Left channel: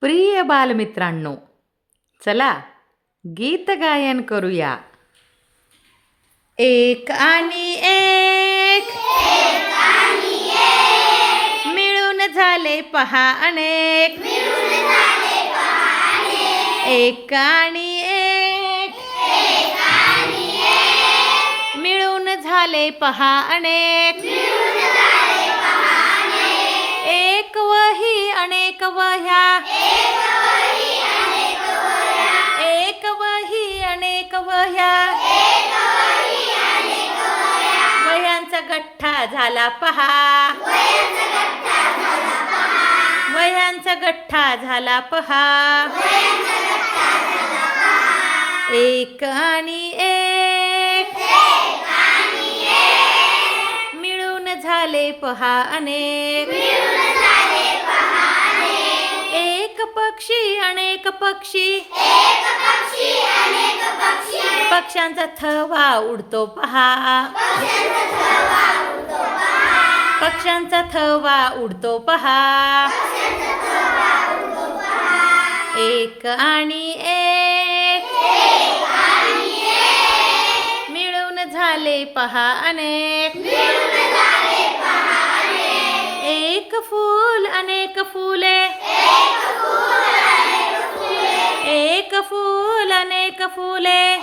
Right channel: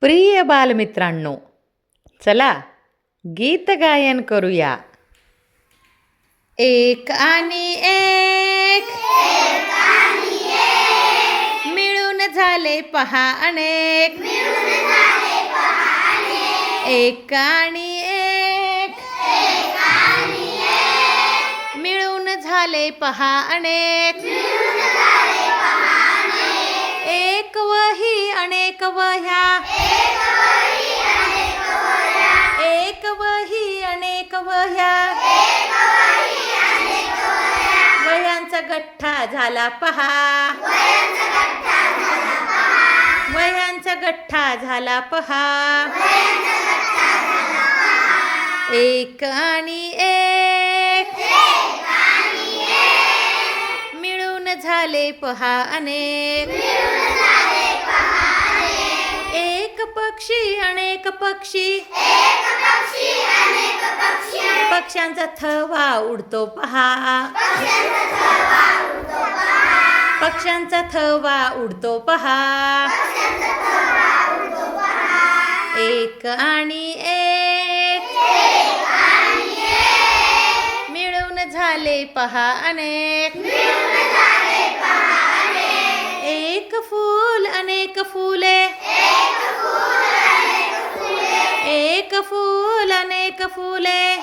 प्रिय बालमित्रांनो चला गीत गायन करूया. एक आणि एक मिळून झाले पहा अनेक. एक आणि एक मिळून झाले पहा अनेक. अनेक वह्या एक वही अनेक वह्या वह्यांचा गठ्ठा झाला पहा. वह्यांचा गठ्ठा झाला पहा. एक आणि एक मिळून झाले पहा अनेक. एक पक्षी अनेक पक्षी. पक्ष्यांचा थवा उडतो पहा. पक्ष्यांचा थवा उडतो पहा. एक आणि एक. मिळून झाले पहा अनेक. एक फूल अनेक फुले. एक फूल अनेक फुले.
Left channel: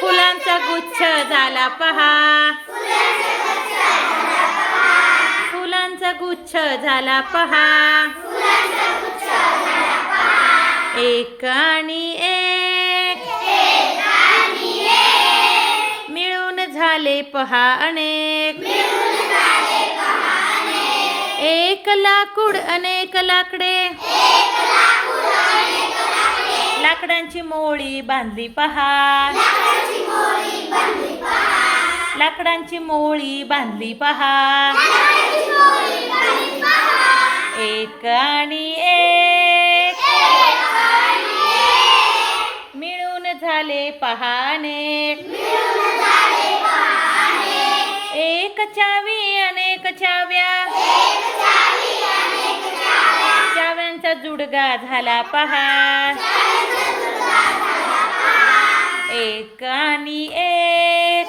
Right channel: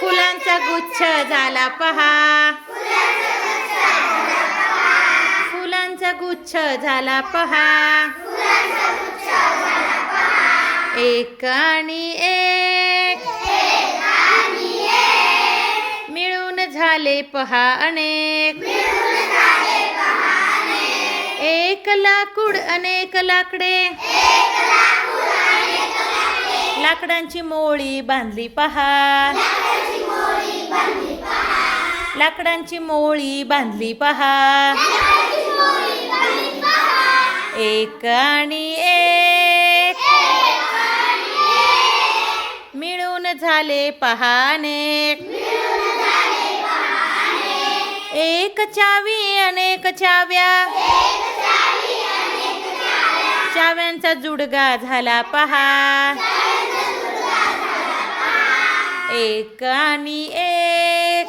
फुलांचा गुच्छ झाला पहा. फुलांचा गुच्छ झाला पहा. एक आणि एक. झाले पहा अनेक एक लाकूड अनेक लाकडे. लाकडांची मोळी बांधली पहा. लाकडांची मोळी बांधली पहा. एक आणि एक. मिळून झाले पहाने एक चावी अनेक चाव्या. चाव्यांचा जुडगा झाला पहा. एक आणि एक.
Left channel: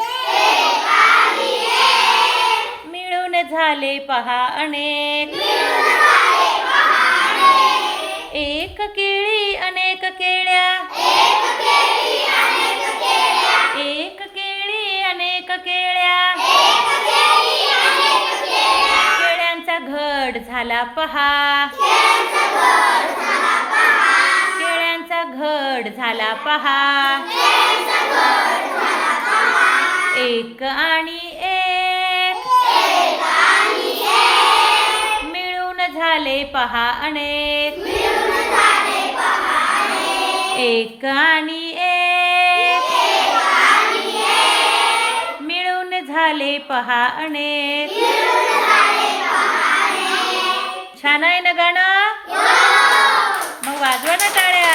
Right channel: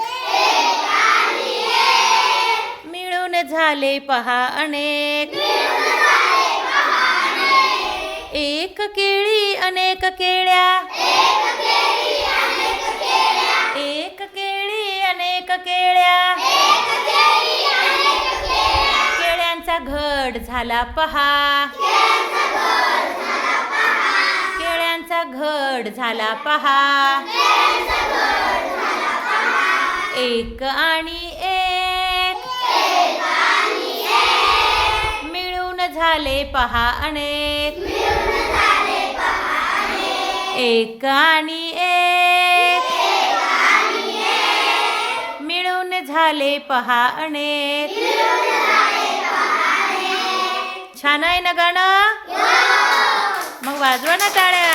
मिळून झाले पहा अनेक. एक केळी अनेक केळ्या. एक केळी अनेक केळ्या. घड झाला पहा. केळ्यांचा घड झाला पहा. एक आणि एक. मिळून झाले पहा अनेक. एक आणि एक. मिळून झाले पहा अनेक. નાના એ નગાણા મગ વાગવાના ટાળે